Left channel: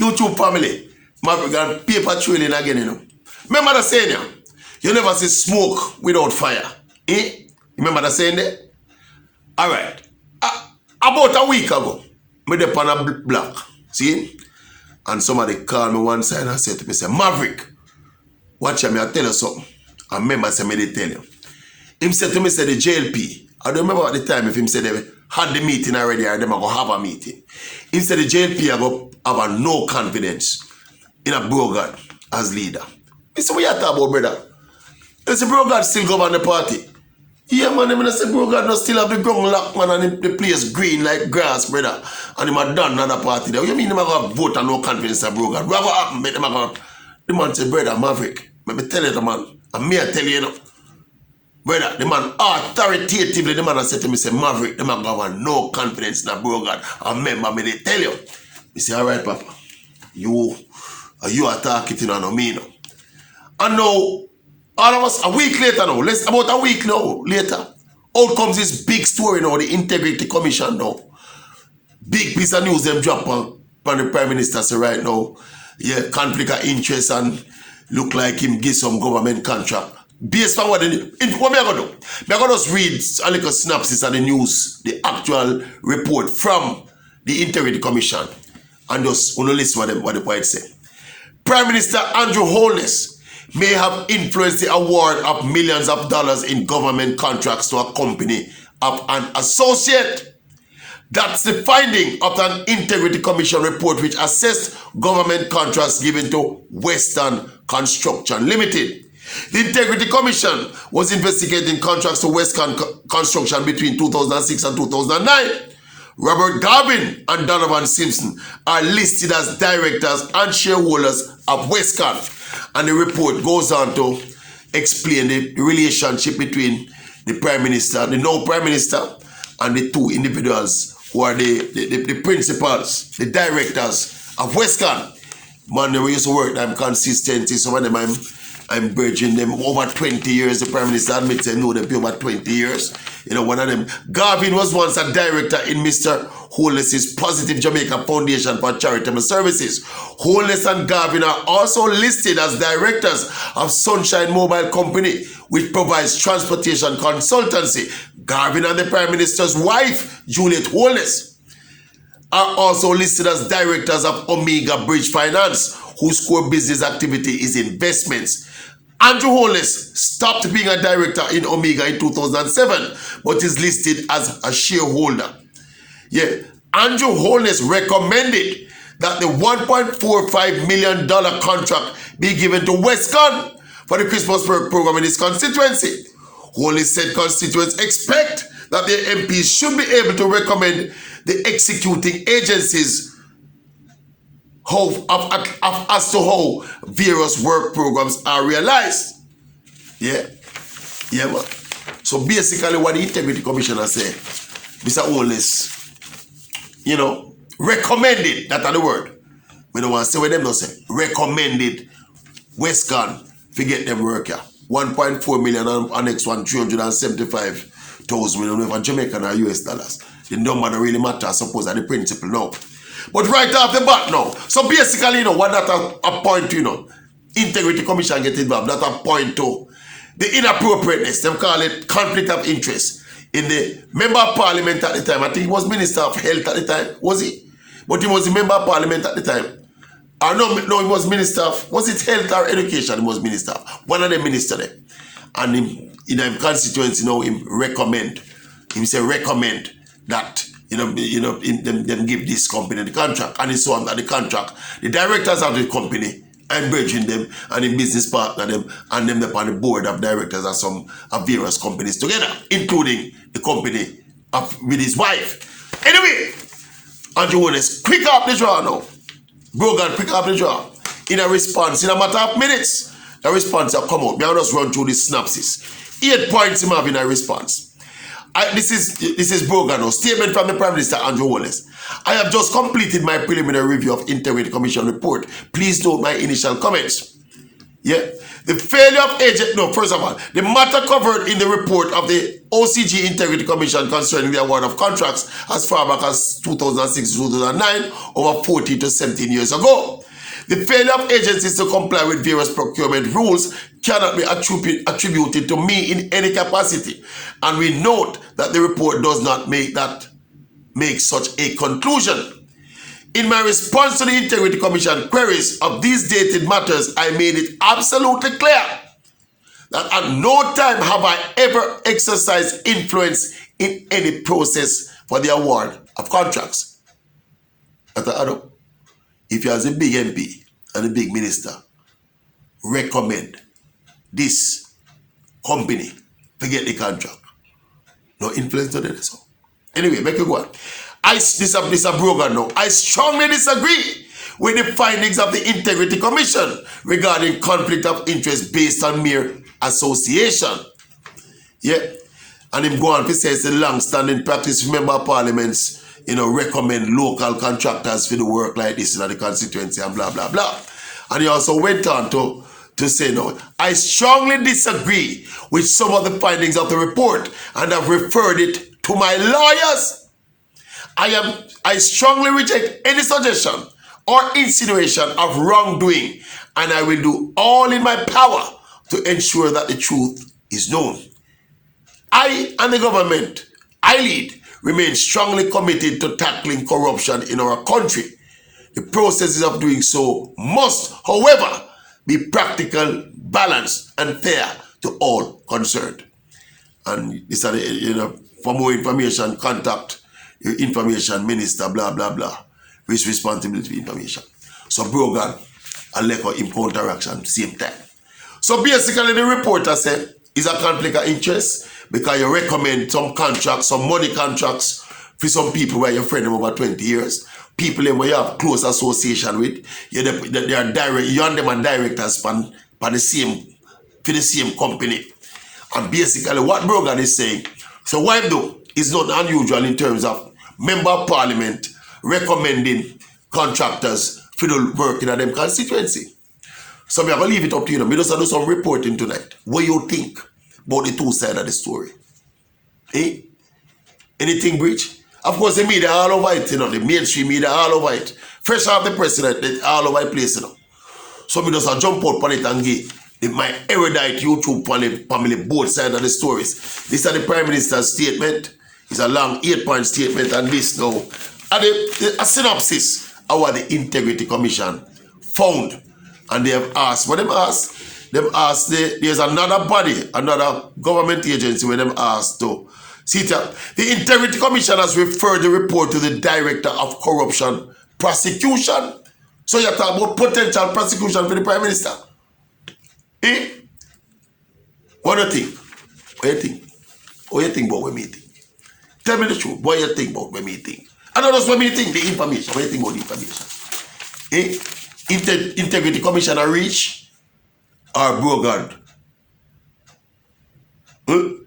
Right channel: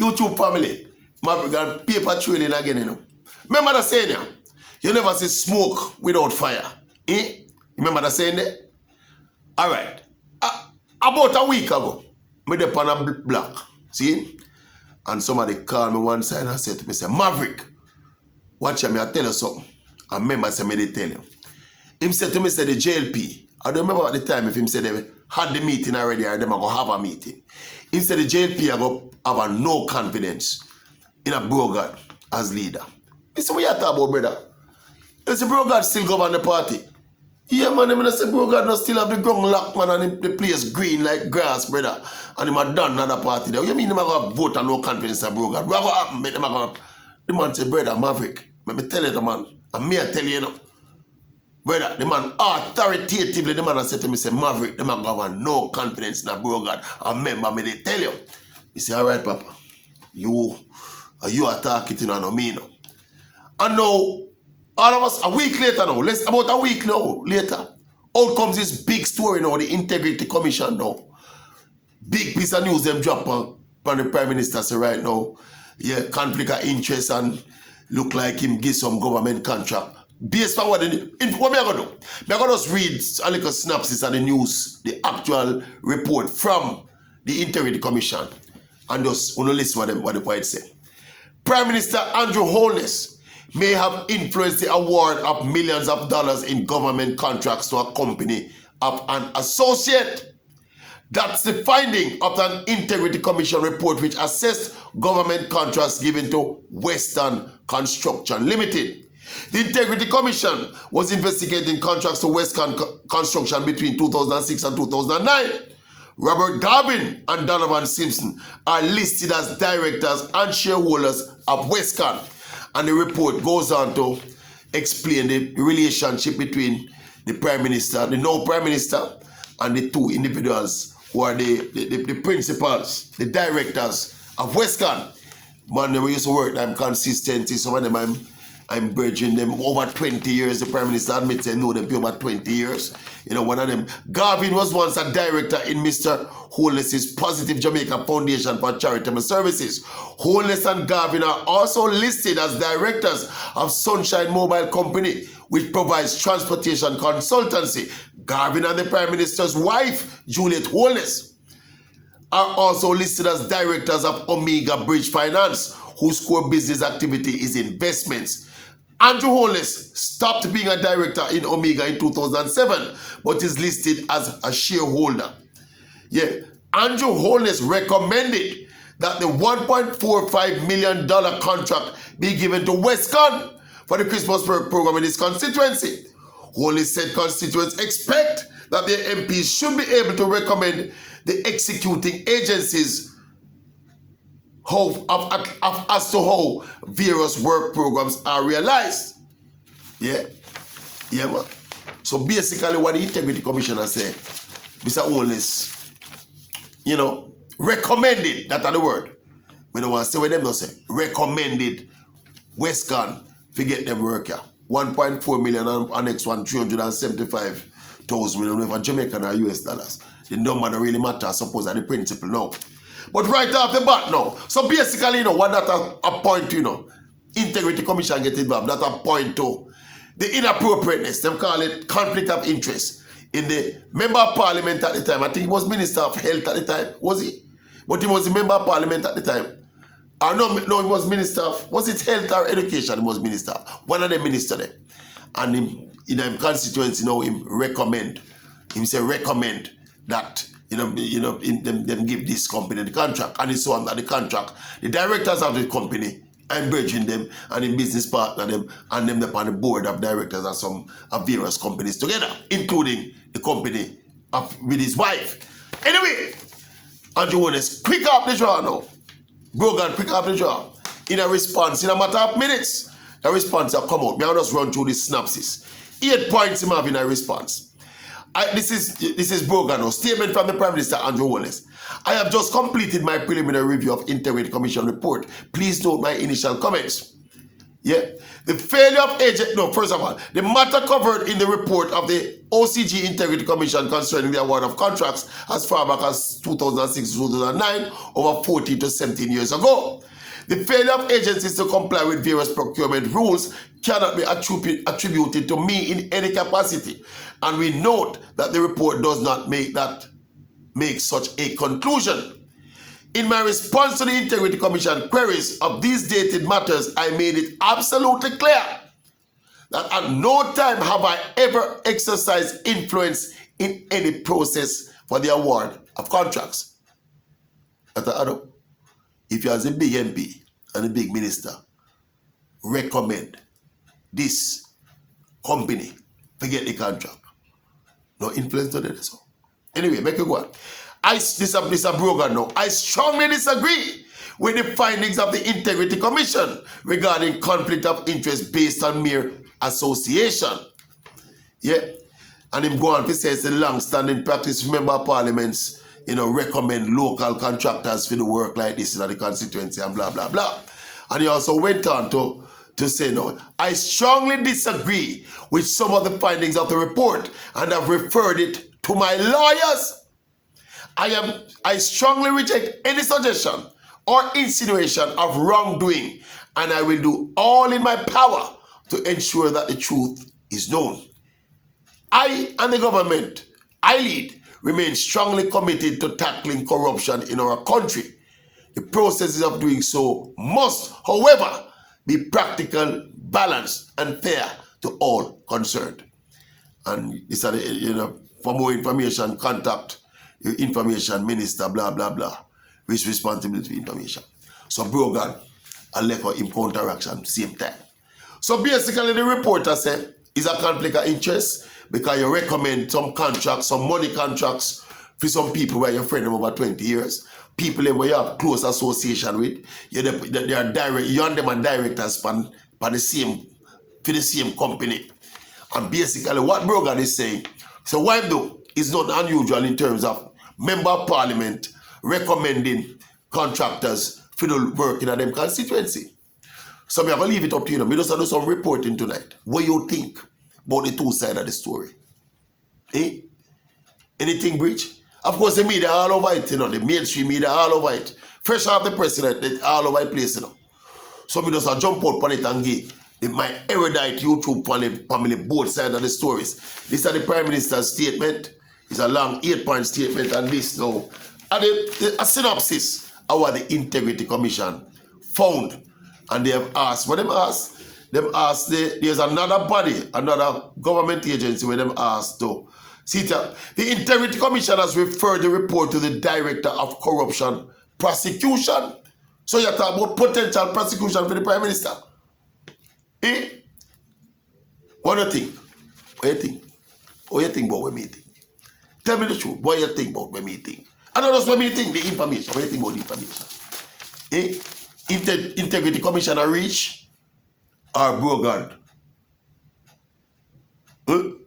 YouTube family, Maverick and paper trailing again, you know. Remember the saying, yeah? You never see smoke without fire. Eh? Remember the saying there? Alright. About a week ago, I was on a block. See? And somebody called me one side and said to me, say, Maverick, watch me, I tell you something. I remember say me they tell you. Him said to me, say the JLP. I don't remember at the time if him said they had the meeting already or them are going to have a meeting. Him said the JLP are going to have no confidence in a Brogard as leader. I said, what you talking about, brother? He said, Brogard still govern the party. Yeah, man, I say Brogard no still have the ground locked, man, and the place green like grass, brother. And him a done another party there. What you mean him a going to vote and no confidence in Brogard? What will happen? The man said, brother, Maverick, let me tell you the man. And me I tell you, you know. Brother, the man authoritatively, the man said to me, say, Maverick, the man have no confidence in a Brogard. I remember me, they tell you. He say, all right, Papa, you are talking to me now. And now, all of us, a week later now, about a week now, later, out comes this big story now, the Integrity Commission now. Big piece of news them drop on the Prime Minister say right now, yeah, conflict of interest and look like him give some government contract. Based on what what I'm going to do? I'm going to just read a little synopsis of the news, the actual report from the Integrity Commission, and just want to listen what the point say. Prime Minister Andrew HOLNESS may have influenced the award of millions of dollars in government contracts to a company of an associate. That's the finding of an Integrity Commission report which assessed government contracts given to Western Construction Limited. The Integrity Commission was investigating contracts to Western Construction between 2006 and 2009. Robert Garvin and Donovan Simpson are listed as directors and shareholders of Western. And the report goes on to explain the relationship between the Prime Minister, the now Prime Minister, and the two individuals who are the principals, the directors of Western. Man, they used to work them consistently. Some of them I'm bridging them over 20 years. The Prime Minister admits I know them for over 20 years. You know, one of them. Garvin was once a director in Mr. HOLNESS's Positive Jamaica Foundation for Charitable Services. HOLNESS and Garvin are also listed as directors of Sunshine Mobile Company, which provides transportation consultancy. Garvin and the Prime Minister's wife, Juliet HOLNESS, are also listed as directors of Omega Bridge Finance, whose core business activity is investments. Andrew HOLNESS stopped being a director in Omega in 2007, but is listed as a shareholder. Yeah, Andrew HOLNESS recommended that the $1.45 million contract be given to Western for the Christmas program in his constituency. HOLNESS said constituents expect that their MPs should be able to recommend the executing agencies as to how various work programs are realized. Yeah, man. So basically what the Integrity Commissioner said, Mr. HOLNESS, you know, recommended, that's the word. We don't want to say what them don't say. Recommended Western to get them work here. 1.4 million and next one 375,000 million for Jamaican or US dollars. The number don't really matter, I suppose, are the principle now. But right off the bat now, so basically, you know, what that a point to, you know, Integrity Commission get involved, that a point to the inappropriateness, them call it conflict of interest, in the member of parliament at the time. I think he was Minister of Health at the time, was he? But he was the member of parliament at the time. No, he was Minister of, was it Health or Education he was Minister of? One of the ministers there. And him, in his constituency, you know, him say recommend that them give this company the contract, and it's on that the contract. The directors of the company, I'm bridging them, and the business partner them, and them on the board of directors of some of various companies together, including the company with his wife. Anyway, Andrew HOLNESS, quick up the draw now. Brogard, quick up the draw. In a response, in a matter of minutes, the response will come out. May I just run through this synopsis. 8 points him have in a response. This is Brogard now. Statement from the Prime Minister Andrew HOLNESS. I have just completed my preliminary review of Integrity Commission report. Please note my initial comments. Yeah. The failure of agent, no, first of all, the matter covered in the report of the OCG Integrity Commission concerning the award of contracts as far back as 2006-2009, over 14 to 17 years ago. The failure of agencies to comply with various procurement rules cannot be attributed to me in any capacity, and we note that the report does not make such a conclusion. In my response to the Integrity Commission queries of these dated matters, I made it absolutely clear that at no time have I ever exercised influence in any process for the award of contracts. If you as a big MP and a big minister recommend this company to get the contract, no influence to that. So anyway, make it go on. This a brogan now. I strongly disagree with the findings of the Integrity Commission regarding conflict of interest based on mere association. Yeah. And him go on to say it's a long-standing practice. Member of parliaments, recommend local contractors for the work like this in the constituency and blah, blah, blah. And he also went on to say, no, I strongly disagree with some of the findings of the report and have referred it to my lawyers. I strongly reject any suggestion or insinuation of wrongdoing, and I will do all in my power to ensure that the truth is known. I and the government I lead remain strongly committed to tackling corruption in our country. The processes of doing so must, however, be practical, balanced, and fair to all concerned. And this is, for more information, contact your information minister, blah, blah, blah, with responsibility for information. So Brogan and Leko in counteraction same time. So basically the reporter said is a conflict of interest because you recommend some contracts, some money contracts for some people where you're friend over 20 years. People where you have close association with, they are direct, you and them are directors for the same company. And basically what Brogan is saying, so why though, it's not unusual in terms of member of parliament recommending contractors for the work in them constituency. So I'm going to leave it up to you. We just do some reporting tonight. What you think about the two sides of the story? Eh? Anything breach? Of course, the media all over it, the mainstream media all over it. Fresh off the president, they all over the place, So we just jump out on it and give my erudite YouTube family both sides of the stories. This is the Prime Minister's statement. It's a long 8-point statement, and this now, and a synopsis of what the Integrity Commission found. And they have asked, what them asked? Them asked, there's another body, another government agency where them asked to. See, the Integrity Commission has referred the report to the Director of Corruption Prosecution. So you're talking about potential prosecution for the Prime Minister. Eh? What do you think? What do you think? What do you think about what me think? Tell me the truth. What do you think about what me think? I don't know what me think, the information. What do you think about the information? Eh? If the Integrity Commission are rich or brogan?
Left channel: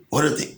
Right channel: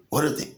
What do you think?